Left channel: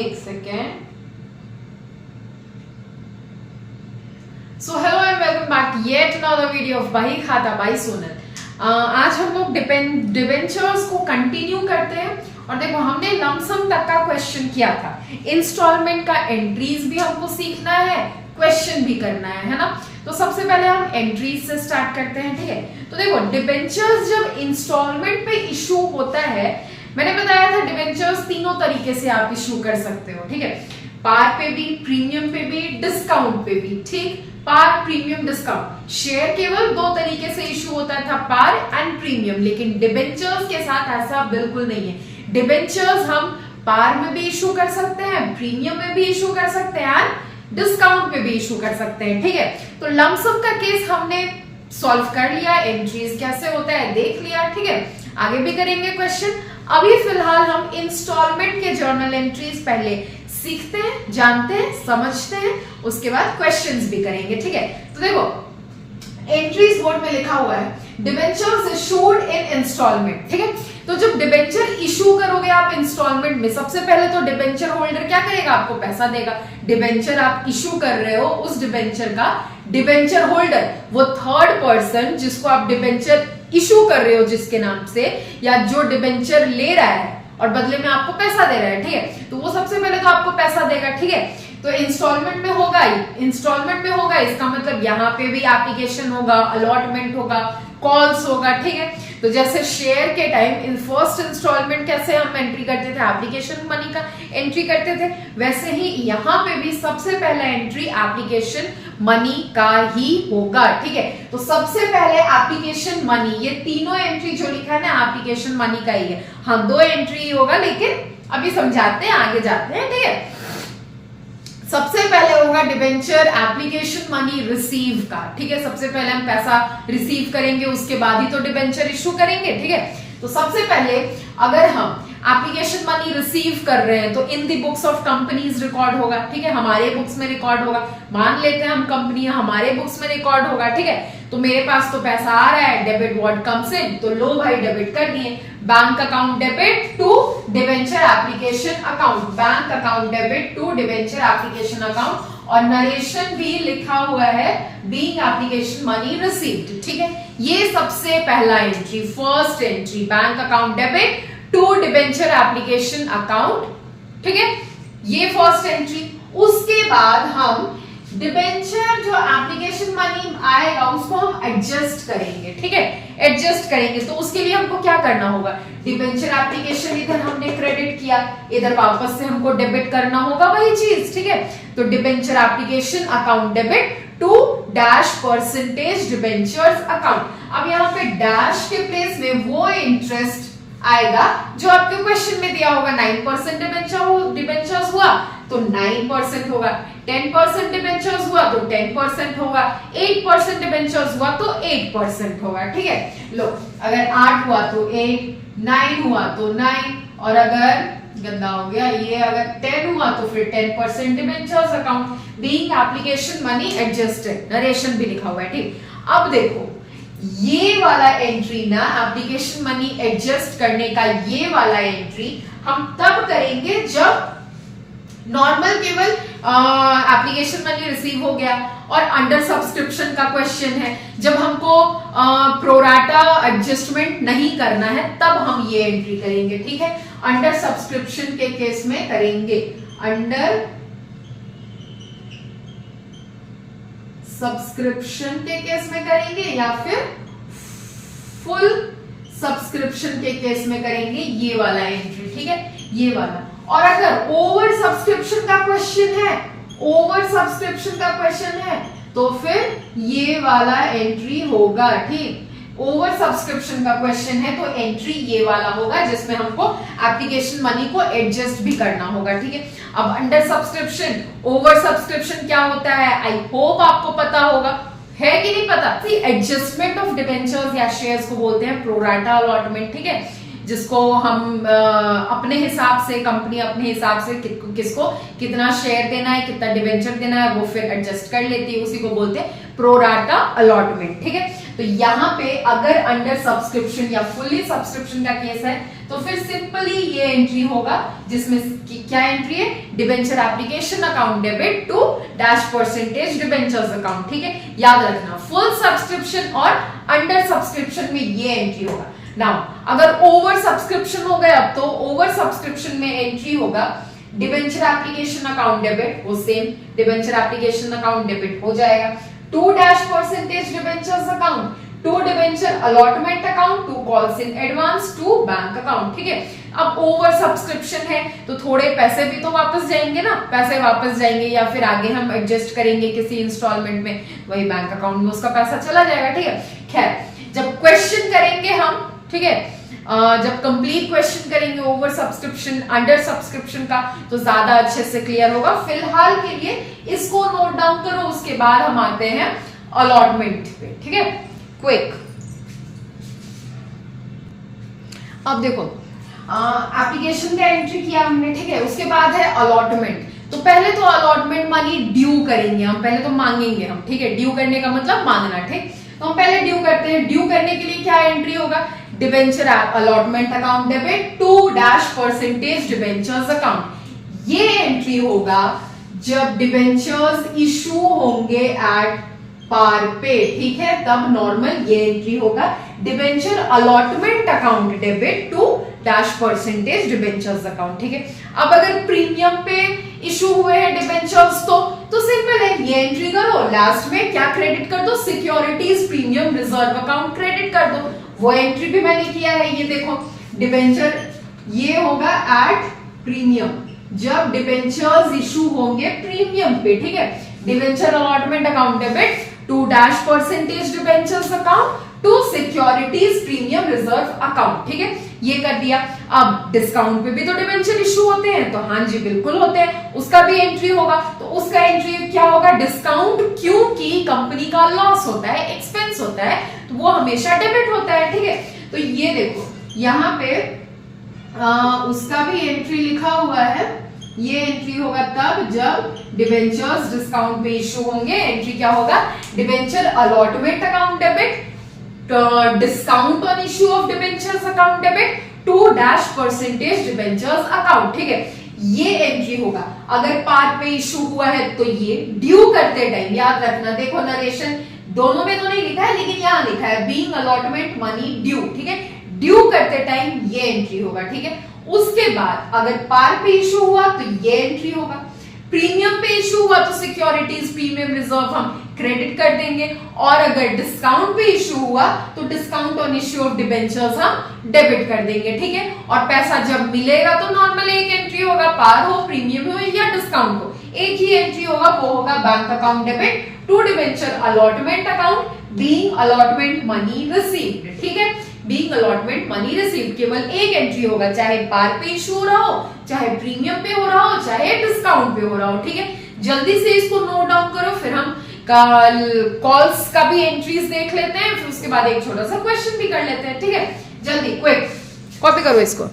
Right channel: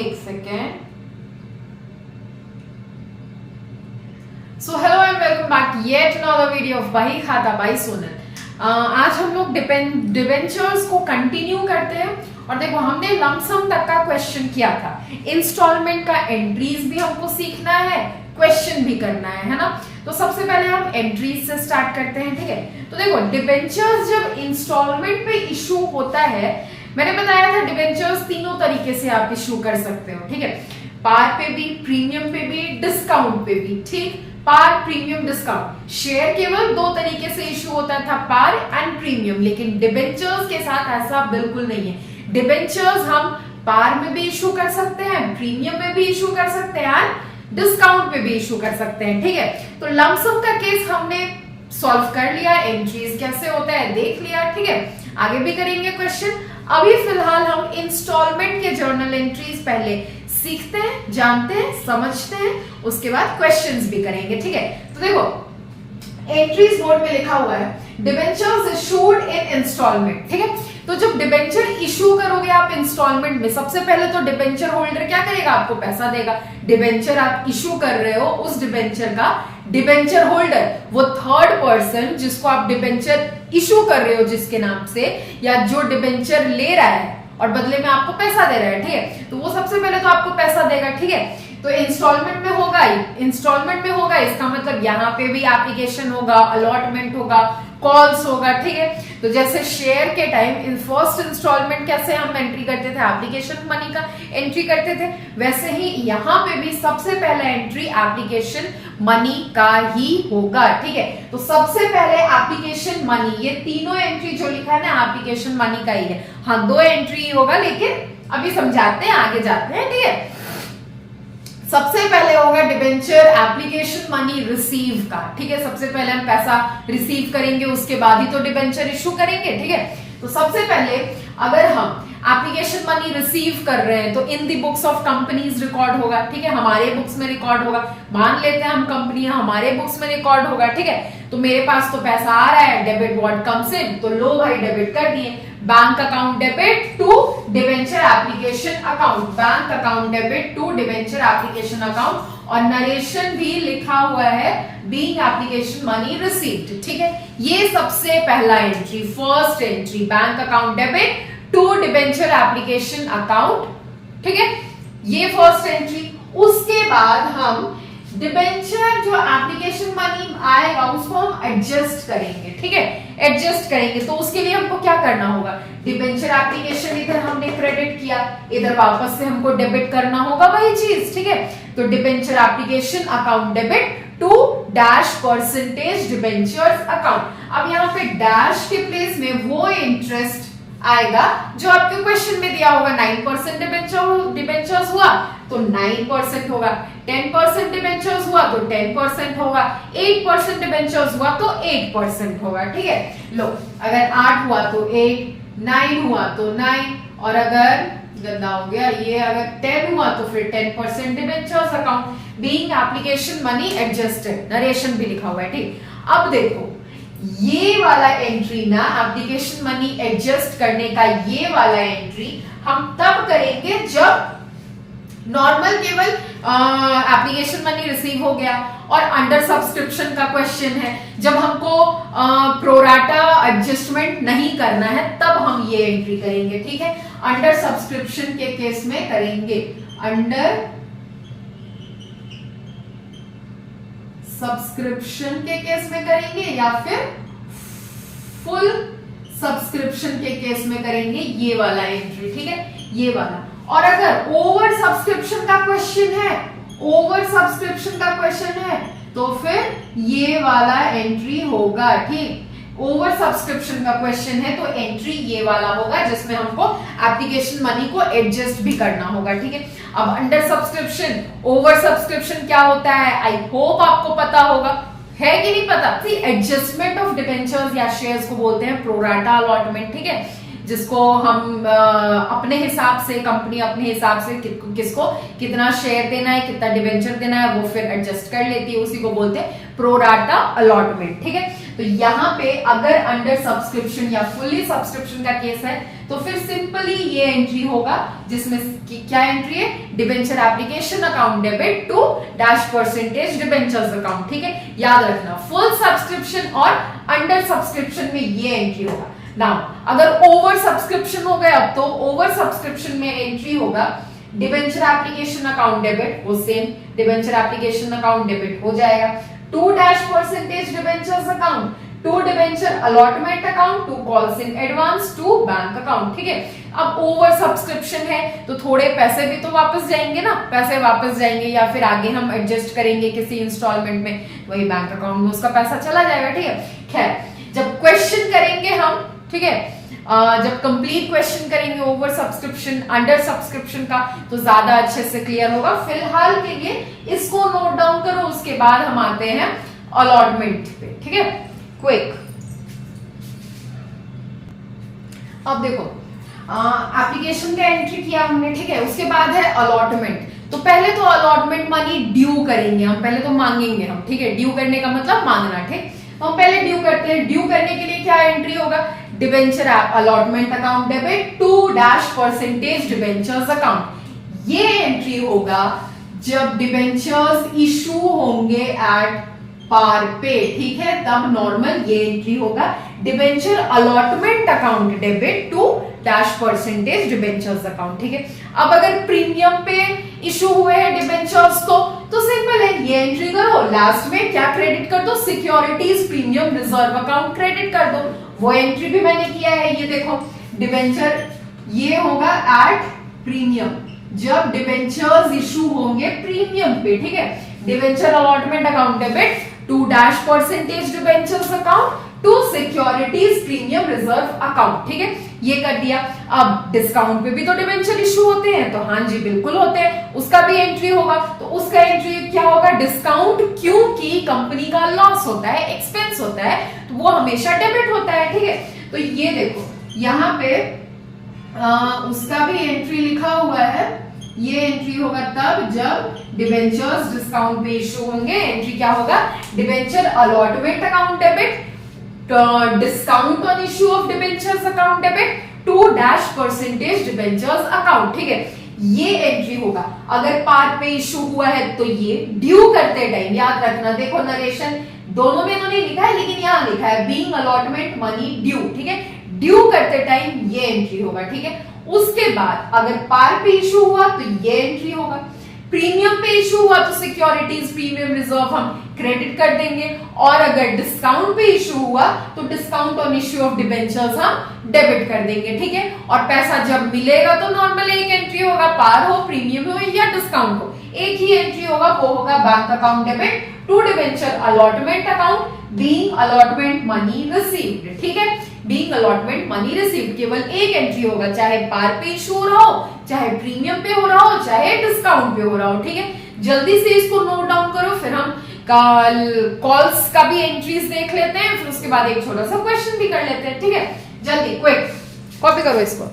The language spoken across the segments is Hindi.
एक second. So hello and welcome back yet another video of बही खाता बाई सोनल। आज हम लोग डिबेंचर्स को कंटिन्यू करते हैं और देखो हमने लमसम तक का क्वेश्चन किया था। इंस्टॉलमेंट का एंट्रीज भी हमको सीखना है, क्वेश्चन भी करना है ना। तो सबसे पहले हम एंट्रीज से स्टार्ट करते हैं, ठीक है। तो देखो डिबेंचर्स जब इंस्टॉलमेंट पे इशू होता है, मैंने बताया था डिबेंचर्स तीनों तरीके से आप इशू कर सकते हो, ठीक है। पार पे भी, प्रीमियम पे भी, डिस्काउंट पे भी, ठीक। पार, प्रीमियम, डिस्काउंट। शेयर केवल दो तरीके से इशू होता था, पार एंड प्रीमियम, लेकिन डिबेंचर्स के साथ ऐसा बिल्कुल नहीं है। डिबेंचर्स हम पार में भी इशू कर सकते हैं, प्रीमियम में भी इशू कर सकते हैं एंड डिस्काउंट पे भी इशू कर सकते हैं, ठीक है। तो लमसम का केस हमने सॉल्व कर लिया, एंट्रीज कैसे होता है देख लिया, ठीक है। आगे भी करेंगे क्वेश्चन। अभी फिलहाल हम इंस्टॉलमेंट के जर्नल एंट्रीज पहले सीखते हैं, जानते हैं, समझते हैं, उसके बाद क्वेश्चंस भी करेंगे, ठीक है। तो देखो एंट्रीज बोर्ड में लिखा हुआ है डिबेंचर्स इशूड इन इंस्टॉलमेंट, ठीक है। तो जब डिबेंचर इशू करोगे आप इंस्टॉलमेंट में, सबसे पहले तो डिबेंचर होल्डर क्या करेगा, आपको पैसा देगा। डिबेंचर आप इशू कर रहे हो, उस डिबेंचर का डिबेंचर होल्डर, वो थर्ड पर्सन जिसको आप डिबेंचर इशू कर रहे हो जिसके नाम से, या जो डिबेंचर ले रहा है और बदले में आपको पैसा दे रहा है, ठीक है। तो वो सबसे पहले तो आपको पैसा देगा, ठीक है। तो इंस्टॉलमेंट में होगा ही, इंस्टॉलमेंट में होगा, इसका मतलब यहाँ पे भी एप्लीकेशन होगा, अलॉटमेंट होगा, कॉल्स होगा, ठीक है। तो जैसे शेयर के टाइम इन फर्स्ट इंस्टॉलमेंट कैसे हम एंट्री करते थे, एप्लीकेशन मनी का एंट्री करते थे, वैसे ही यहाँ पे भी सबसे पहले एंट्री एप्लीकेशन मनी का ही होगा, ठीक है। तो सबसे पहले एप्लीकेशन मनी, ये तीनों एंट्री जो लिखा है ना एप्लीकेशन मनी का ही है। हाँ, दो एंट्री होगा, लेकिन अभी समझाते हैं, आगे जाते हैं, ठीक है। सबसे पहले होगा डिबेंचर एप्लीकेशन मनी रिसीव का, ठीक है। सबसे पहले हम पैसा रिसीव करेंगे, उसके बाद ही तो डिबेंचर इशू करेंगे, ठीक है। तो सबसे पहले अगर हम एप्लीकेशन मनी रिसीव कर रहे हैं तो इन दी बुक्स ऑफ कंपनीज रिकॉर्ड होगा, ठीक है। हमारे बुक्स में रिकॉर्ड होगा, मान लेते हैं हम कंपनी, हमारे बुक्स में रिकॉर्ड होगा, ठीक है। तो मेरे पास तो पैसा आ रहा है, डेबिट व्हाट कम्स इन, तो लो भाई डेबिट कर दिए। Bank account debit to debenture application account, bank account debit to debenture application account, और नरेशन भी लिखा हुआ है बीइंग एप्लीकेशन मनी रिसीव्ड, ठीक है। ये सबसे पहला entry, first entry, bank account debit to debenture application account, ठीक है। ये फर्स्ट एंट्री। उसके बाद हम डिबेंचर जो एप्लीकेशन मनी आएगा उसको हम एडजस्ट करेंगे, ठीक है। एडजस्ट करेंगे तो उसके लिए हमको क्या करना होगा, डिबेंचर एप्लीकेशन इधर हमने क्रेडिट किया, इधर वापस से हमको डेबिट करना होगा वही चीज, ठीक है। तो debenture application account debit to dash percentage debentures account. अब यहाँ पे डैश के प्लेस में वो इंटरेस्ट आएगा जो आपके क्वेश्चन में दिया होगा। 9% डिबेंचर्स हुआ तो 9% होगा, 10% डिबेंचर्स हुआ तो 10% होगा, 8% डिबेंचर्स हुआ तो 8% होगा, ठीक है। लो, अगर 8 हुआ तो 8, 9 हुआ तो 9, और अगर गंदा हो गया ये, अगर 10 हुआ तो फिर 10% debentures account being application money adjusted, narration भी लिखा हुआ है, ठीक। अब देखो ये वाला एंट्री ना, एप्लीकेशन मनी एडजस्ट करने का ये वाला एंट्री हम तब करेंगे जब नॉर्मल केवल एप्लीकेशन मनी रिसीव हो गया और अंडर सब्सक्रिप्शन का क्वेश्चन है, जब हमको प्रोराटा एडजस्टमेंट नहीं करना है तब हम ये एंट्री करेंगे, ठीक है। अंडर सब्सक्रिप्शन के केस में करेंगे, अंडर सब्सक्रिप्शन के केस में करेंगे या फिर फुल सब्सक्रिप्शन के केस में करेंगे ये वाला एंट्री, ठीक है, ये वाला। और अगर ओवर सब्सक्रिप्शन का क्वेश्चन है, ओवर सब्सक्रिप्शन का क्वेश्चन है तो फिर ये वाला एंट्री होगा, ठीक। ओवर सब्सक्रिप्शन का क्वेश्चन है तो एंट्री ये वाला होगा जिसमें हमको एप्लीकेशन मनी को एडजस्ट भी करना होगा, ठीक है। अब अंडर सब्सक्रिप्शन, ओवर सब्सक्रिप्शन क्या होता है, आई होप आपको पता होगा, है कि नहीं पता। एडजस्टमेंट ऑफ डिबेंचर्स या शेयर्स को बोलते हैं प्रोराटा अलॉटमेंट, ठीक है। जिसको हम अपने हिसाब से, कंपनी अपने हिसाब से किसको कितना शेयर देना है, कितना डिवेंचर देना है, वो फिर एडजस्ट कर लेती है। उसी को बोलते हैं प्रो राटा अलॉटमेंट। ठीक है, तो यहाँ पे अगर अंडर सब्सक्रिप्शन या फुल्ली सब्सक्रिप्शन का केस है तो फिर सिंपली ये एंट्री होगा, जिसमें क्या एंट्री है, debenture application account debit to -% debentures account. ठीक है, याद रखना फुल सब्सक्रिप्शन और अंडर सब्सक्रिप्शन में ये एंट्री होगा। नाउ अगर ओवर सब्सक्रिप्शन हो गया तो ओवर सब्सक्रिप्शन में एंट्री होगा डिबेंचर एप्लीकेशन अकाउंट डेबिट, वो same debenture application account debit हो जाएगा to -% debentures account, to debenture allotment account, to calls in advance, to bank account. ठीक है, अब ओवर सब्सक्रिप्शन है तो थोड़े पैसे भी तो वापस जाएंगे ना, पैसे वापस जाएंगे या फिर आगे हम एडजस्ट करेंगे किसी इंस्टॉलमेंट में, वही बैंक अकाउंट में उसका पैसा चला जाएगा। ठीक है, खैर जब क्वेश्चन करेंगे हम, ठीक है, जब कंप्लीट क्वेश्चन करेंगे ओवर सब्सक्रिप्शन अंडर सब्सक्रिप्शन का तो ज्यादा अच्छे से क्लियर होगा। फिलहाल के लिए इसको नोट डाउन करो, उसके बाद हम आते हैं अलॉटमेंट पे। ठीक है, क्विक। अब देखो एप्लीकेशन का एंट्री किया हमने, ठीक है, उसके बाद है अलॉटमेंट। तो पहले तो अलॉटमेंट मनी ड्यू करेंगे हम, पहले तो मांगेंगे हम। ठीक है, ड्यू करने का मतलब मांगना। ठीक, तो हम पहले ड्यू करते हैं। ड्यू करने के लिए क्या एंट्री होगा, debenture allotment account debit to -% debentures account. ये एंट्री होगा जब डिबेंचर्स इशू होंगे एट पार पे। ठीक है, तब नॉर्मल ये एंट्री होगा debenture allotment account debit to -% debentures account. ठीक है, अब अगर प्रीमियम पे इशू हुए हैं डिबेंचर्स तो सिंपल है, ये एंट्री करो, लास्ट में क्या क्रेडिट कर दो, securities premium reserve account credit कर दो। वो एंट्री भी मैंने किया है, ये देखो डिबेंचर ये होगा एट प्रीमियम, जब डिबेंचर्स इशू होंगे प्रीमियम पे। ठीक है, debenture allotment account debit to -% debentures account to securities premium reserve account. ठीक है, ये कर दिया। अब डिस्काउंट पे भी तो डिबेंचर इशू होते हैं, तो हाँ जी बिल्कुल होते हैं, उसका भी एंट्री होगा। तो उसका एंट्री क्या होगा, डिस्काउंट, क्योंकि कंपनी का लॉस होता है, एक्सपेंस होता है, तो वो हमेशा डेबिट होता है। ठीक है, तो ये देखो यहाँ पे उसका भी एंट्री लिखा हुआ है। ये एंट्री होगा तब जब डिबेंचर्स डिस्काउंट पे इशू होंगे। एंट्री क्या होगा, debenture allotment account debit discount on issue of debentures account debit to -% debentures account. ठीक है, ये एंट्री होगा। अगर पार पे इशू हुआ है तो ये ड्यू करते टाइम, याद रखना, देखो नरेशन दोनों में तो नहीं लिखा है लेकिन यहाँ लिखा है बीइंग अलॉटमेंट मनी ड्यू। ठीक है, ड्यू करते टाइम ये एंट्री होगा। ठीक है, उसके बाद अगर पार पे इशू हुआ तो ये एंट्री होगा। प्रीमियम पे इशू हुआ तो सिक्योरिटीज प्रीमियम रिजर्व हम क्रेडिट कर देंगे, और अगर डिस्काउंट पे इशू हुआ तो discount on issue of debentures हम डेबिट कर देंगे। ठीक है, और पैसा जब मिलेगा तो नॉर्मल एक एंट्री होगा, पार हो, प्रीमियम हो या डिस्काउंट हो, एक ही एंट्री होगा, वो होगा bank account debit to debenture allotment account being allotment money received. ठीक है, बीइंग अलॉटमेंट मनी रिसीव्ड केवल एक एंट्री होगा, चाहे पार पे इशू हो रहा हो, चाहे प्रीमियम पे हो रहा हो, चाहे डिस्काउंट पे हो रहा हो। ठीक है, जल्दी से इसको नोट डाउन करो, फिर हम कॉल्स का भी एंट्रीज देख लेते हैं, फिर उसके बाद एक छोटा सा क्वेश्चन भी कर लेते हैं। ठीक है, जल्दी क्विक कॉपी करो इसको।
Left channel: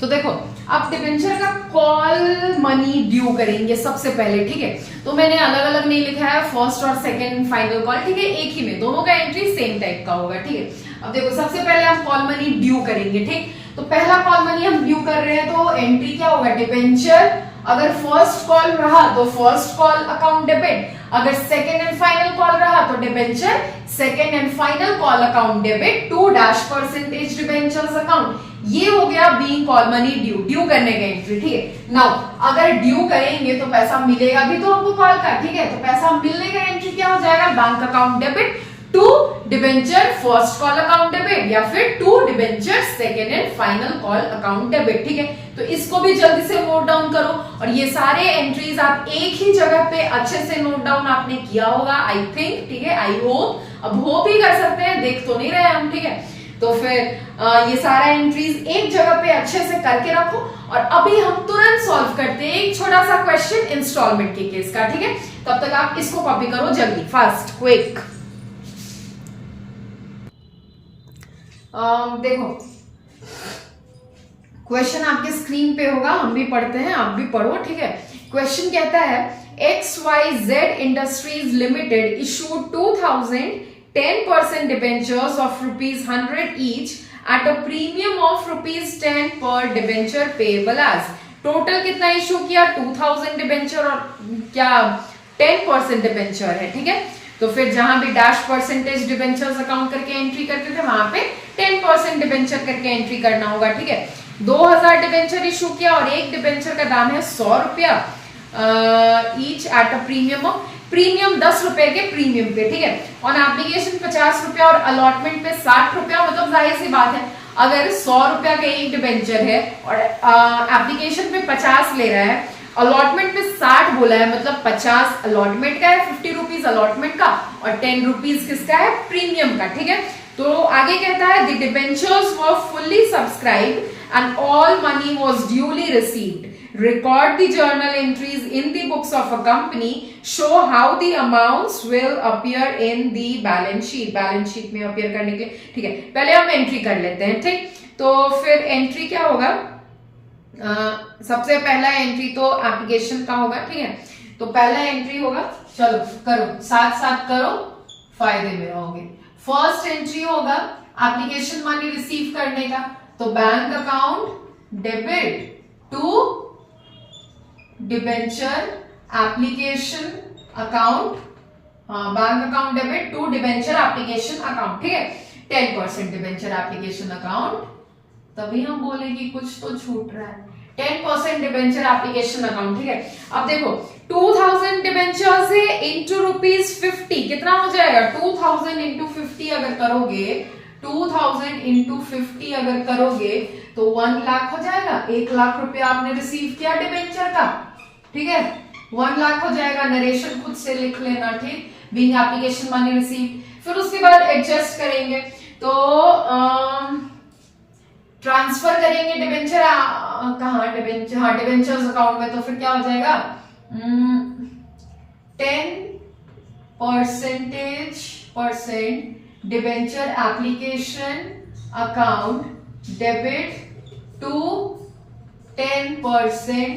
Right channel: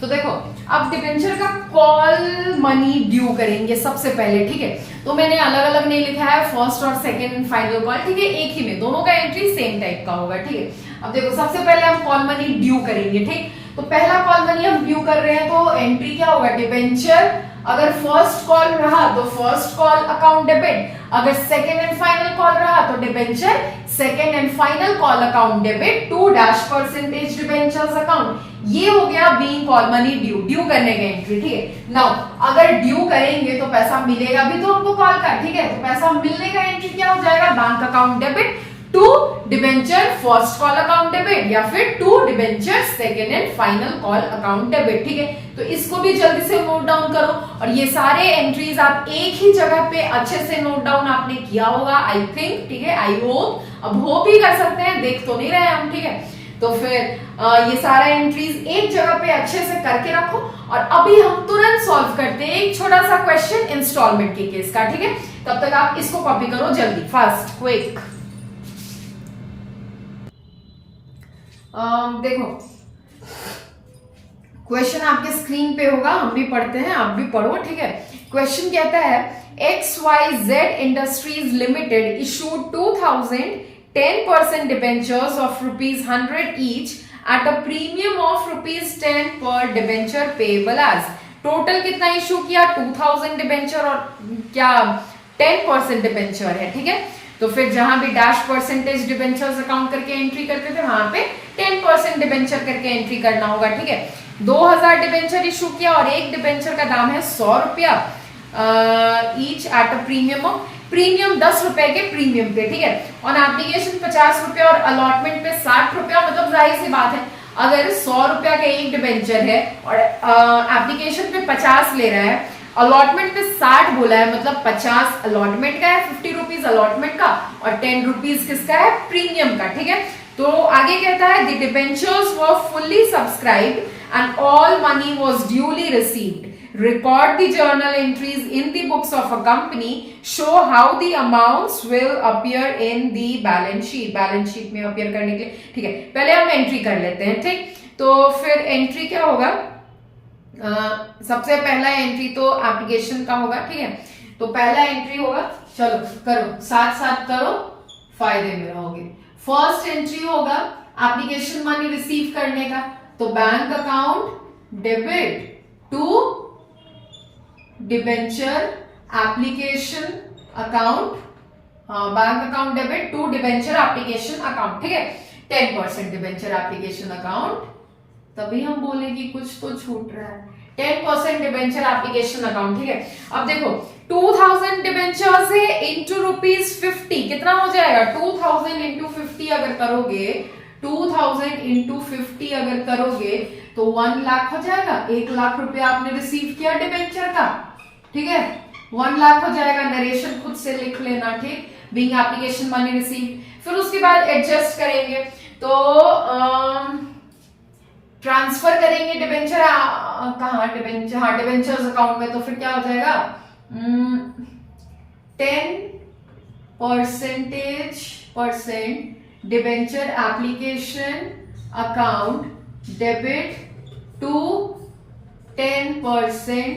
तो देखो अब डिबेंचर का कॉल मनी ड्यू करेंगे सबसे पहले। ठीक है, तो मैंने अलग अलग नहीं लिखा है, फर्स्ट और सेकंड फाइनल कॉल। ठीक है, एक ही में दोनों का एंट्री सेम टाइप का होगा। ठीक है, अब देखो सबसे पहले हम कॉल मनी ड्यू करेंगे। ठीक, तो पहला कॉल मनी हम ड्यू कर रहे हैं तो एंट्री क्या होगा, डिबेंचर अगर फर्स्ट कॉल रहा तो फर्स्ट कॉल अकाउंट डेबिट, अगर सेकंड एंड फाइनल कॉल रहा तो debenture second and final call account debit to -% debentures account. ये हो गया being call money due, due करने का एंट्री। ठीक है, नाउ अगर ड्यू करेंगे तो पैसा मिलेगा भी तो हमको कॉल का। ठीक है, तो पैसा मिलने का एंट्री क्या हो जाएगा, bank account debit to debenture first call account debit या फिर to debenture second and final call account debit. ठीक है, तो इसको भी जल्दी से नोट डाउन करो, और ये सारे एंट्रीज आप एक ही जगह पे अच्छे से नोट डाउन आपने किया होगा आई थिंक। ठीक है, आई होप, अब होप ही कर सकते हैं, देख तो नहीं रहे हम। ठीक है, तो फिर ये सारा एंट्रीज एक जगह पे अच्छे से करके रखो, और अभी हम तुरंत सॉल्व करते हैं एक छोटा सा क्वेश्चन इंस्टॉलमेंट के केस का। ठीक है, तब तक आप इसको कॉपी करो जल्दी, फास्ट क्विक। देखो क्वेश्चन आपके स्क्रीन पे होगा, हम भी पढ़ते हैं, आप भी पढ़ो, ठीक है। क्वेश्चन कहता है XYZ Industries Limited issued 2010% debentures of ₹100 each at a premium of ₹10 per debenture payable as। Total कितना इशू किया? 2000 डिबेंचर और क्या 10% डिबेंचर है, ठीक है। तो फिर जहां भी डैश परसेंटेज डिबेंचर्स अकाउंट करके एंट्री करते थे वहां पे 10% डिबेंचर करके एंट्री करना होगा, ठीक है। 2000 डिबेंचर इशू किया और एक डिबेंचर का दाम है 100 रुपया ईच एट अ प्रीमियम 10 रुपए के प्रीमियम पे, ठीक है। ऑन एप्लीकेशन 50 रुपया और अलॉटमेंट पे 60 रुपया। मतलब जाहिर सी बात है अगर 100 रुपया का एक डिबेंचर है और एप्लीकेशन पे 50 ले रहा है, अलॉटमेंट पे 60 बोला है, मतलब 50 अलॉटमेंट का है, 50 रुपीज अलॉटमेंट का और 10 रुपीज किसका है? प्रीमियम का, ठीक है। तो आगे कहता है the debentures were fully subscribed and all money was duly received. Record the journal entries in the books of a company. Show how the amounts will appear in the balance sheet. Balance sheet में appear करने के लिए, ठीक है। पहले हम एंट्री कर लेते हैं, ठीक। तो फिर एंट्री क्या होगा? सबसे पहला एंट्री तो एप्लीकेशन का होगा, ठीक है। तो पहला एंट्री होगा, चलो करो, साथ साथ करो, फायदे में रहोगे। फर्स्ट एंट्री होगा एप्लीकेशन मनी रिसीव करने का, तो bank account debit to debenture application account, bank account debit to debenture application account, ठीक है। 10% डिबेंचर एप्लीकेशन अकाउंट, तभी हम बोले कि कुछ तो छूट रहा है। 10% डिबेंचर एप्लीकेशन अकाउंट, ठीक है। अब देखो 2000 डिबेंचर से इंटू ₹50 कितना हो जाएगा? 2000 इंटू 50 अगर करोगे, 2000 इंटू 50 अगर करोगे तो 1 लाख हो जाएगा। 1 लाख रुपया आपने रिसीव किया डिबेंचर का, ठीक है। 1 लाख हो जाएगा। नरेशन खुद से लिख लेना, ठीक। Being application money receive. फिर उसके बाद एडजस्ट करेंगे, तो ट्रांसफर करेंगे डिबेंचर कहाँ? डिबेंचर, हाँ डिबेंचर्स अकाउंट में। तो फिर क्या हो जाएगा? 10% debenture application account debit to 10%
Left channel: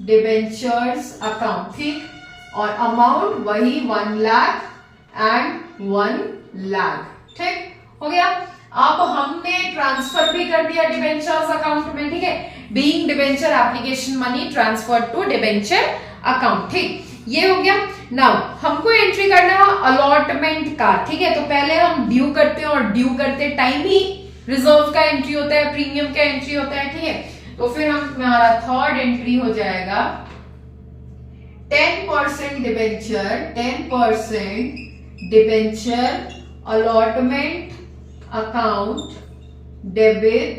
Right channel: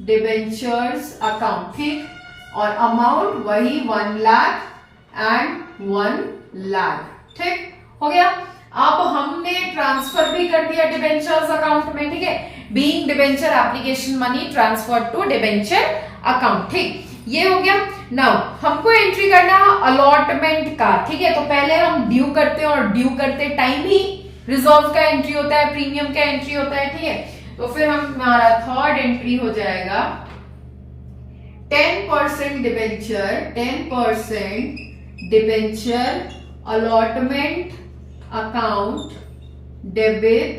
debentures account, ठीक। और अमाउंट वही 1 लाख एंड 1 लाख, ठीक हो गया। अब हमने ट्रांसफर भी कर दिया डिबेंचर्स अकाउंट में, ठीक है। Being debenture application money transfer to debenture account, ठीक। ये हो गया। नाउ हमको एंट्री करना अलॉटमेंट का, ठीक है। तो पहले हम ड्यू करते हैं और ड्यू करते टाइम ही रिजर्व का एंट्री होता है, प्रीमियम का एंट्री होता है, ठीक है। तो फिर हमारा थर्ड एंट्री हो जाएगा 10% debenture, 10% debenture allotment account debit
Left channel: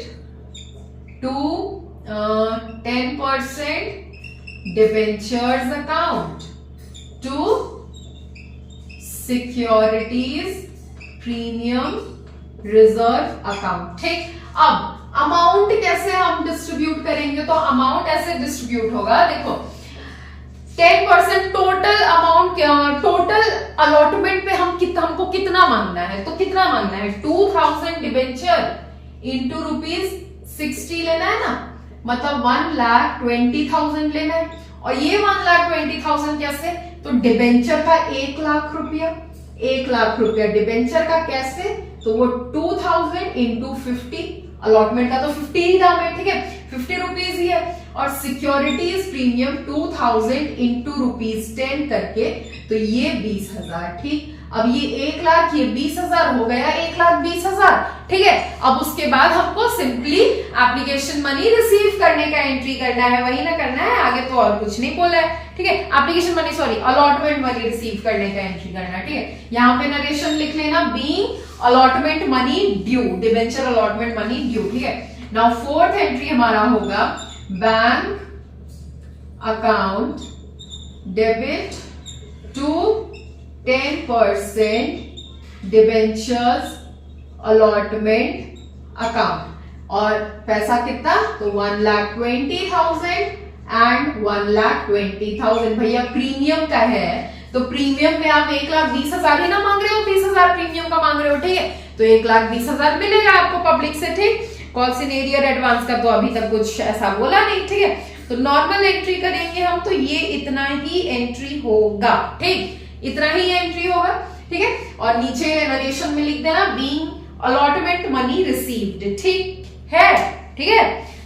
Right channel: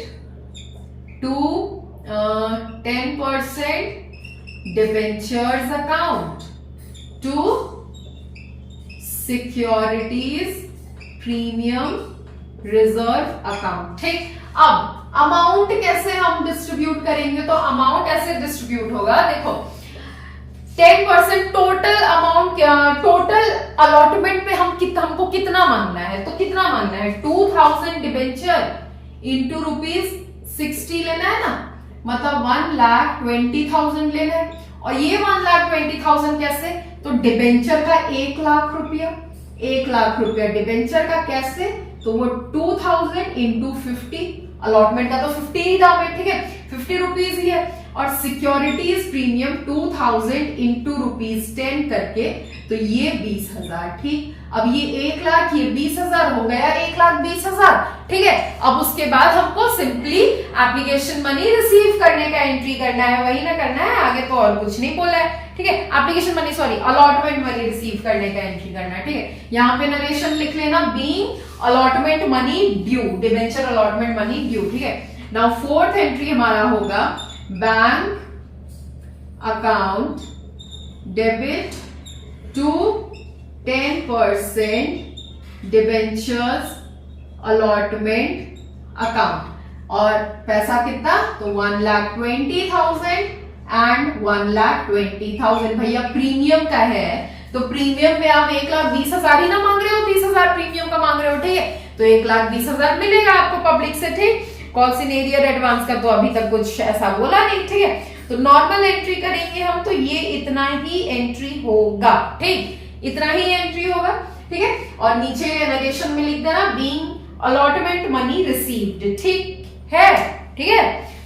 to 10% debentures account to securities premium reserve account, ठीक। अब अमाउंट कैसे हम डिस्ट्रीब्यूट करेंगे? तो अमाउंट ऐसे डिस्ट्रीब्यूट होगा, देखो 10% टोटल अमाउंट, टोटल अलॉटमेंट पे हमको कितना मांगना है? तो कितना मांगना है? 2000 डिबेंचर इंटू ₹60 लेना है ना, मतलब 1,20,000 लेना है। और ये 1,20,000 कैसे? तो डिबेंचर का 1 लाख रुपया, 1 लाख रुपया डिबेंचर का कैसे? तो वो 2000 इंटू 50, अलॉटमेंट का तो 50 ही दाम है, ठीक है, 50 रुपीज ही है। और सिक्योरिटीज प्रीमियम 2000 इंटू ₹10 करके, तो ये 20,000, ठीक। अब ये 1 लाख, ये 20,000 हो गया, 1,20,000, ठीक है। अब उसके बाद हमको सिंपली एप्लीकेशन मनी रिसीव करने का एंट्री करना है, वही ना करना है, आगे तो और कुछ नहीं बोला है, ठीक है। Application money, sorry allotment money receive करने का एंट्री करना है, ठीक है। यहाँ पे नरेशन लिख लेना, being allotment money due, debenture allotment money due, ठीक है। नाउ फोर्थ एंट्री हमारा होगा bank account debit to 10% debentures allotment account. और पैसा कितना? तो 1,20,000 एंड 1,20,000। भैया प्रीमियम का है, तो प्रीमियम में आप 1,20,000 ही ना मांग रहे हो, 20,000 प्रीमियम का मांग रहे हो, ठीक है। तो 1,20,000 मिलेगा आपको पब्लिक से, ठीक। कॉल सीनियर एडवांस का तो अभी तक कुछ ऐसा बोला नहीं, ठीक है। तो नॉर्मल एंट्री करेंगे हम, तो ये इतना ही एंट्री होगा, ठीक, इतना ही एंट्री होगा, ठीक है। और नीचे नरेशन में लिख देना बीइंग अलॉटमेंट मनी रिसीव्ड, ठीक है, ठीक है।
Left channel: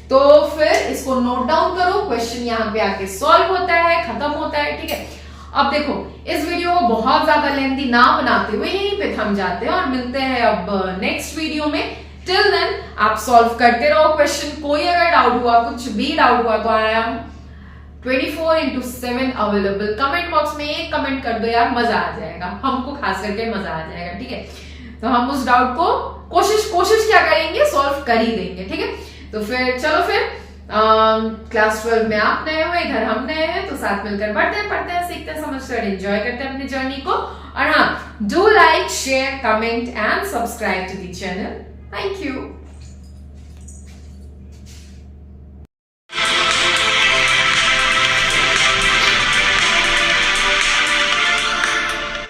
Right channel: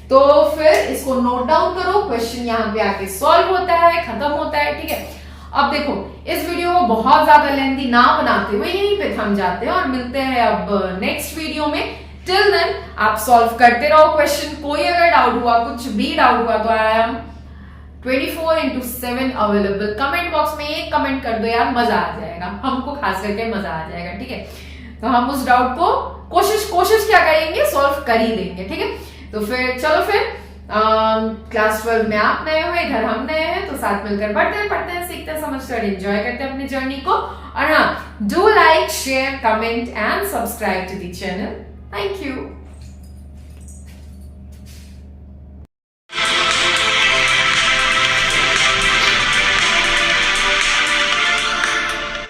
तो फिर इसको नोट डाउन करो, क्वेश्चन यहाँ पे आके सॉल्व होता है, खत्म होता है, ठीक है। अब देखो, इस वीडियो को बहुत ज्यादा लेंथी ना बनाते हुए यहीं पे थम जाते हैं और मिलते हैं अब नेक्स्ट वीडियो में। टिल देन आप सॉल्व करते रहो क्वेश्चन। कोई अगर डाउट हुआ, कुछ भी डाउट हुआ, तो I am 24/7 available. Comment box में एक कमेंट कर दो यार, मजा आ जाएगा, हमको खास करके मजा आ जाएगा, ठीक है। तो हम उस डाउट को कोशिश क्या करेंगे, सॉल्व कर ही देंगे, ठीक है। तो फिर चलो, फिर क्लास 12 में आप नए हो, इधर हम नए हैं, तो साथ मिलकर पढ़ते हैं, सीखते हैं, समझते हैं, एंजॉय करते हैं अपनी जर्नी को। और हाँ, do like, share, comment and subscribe to the channel. Thank you.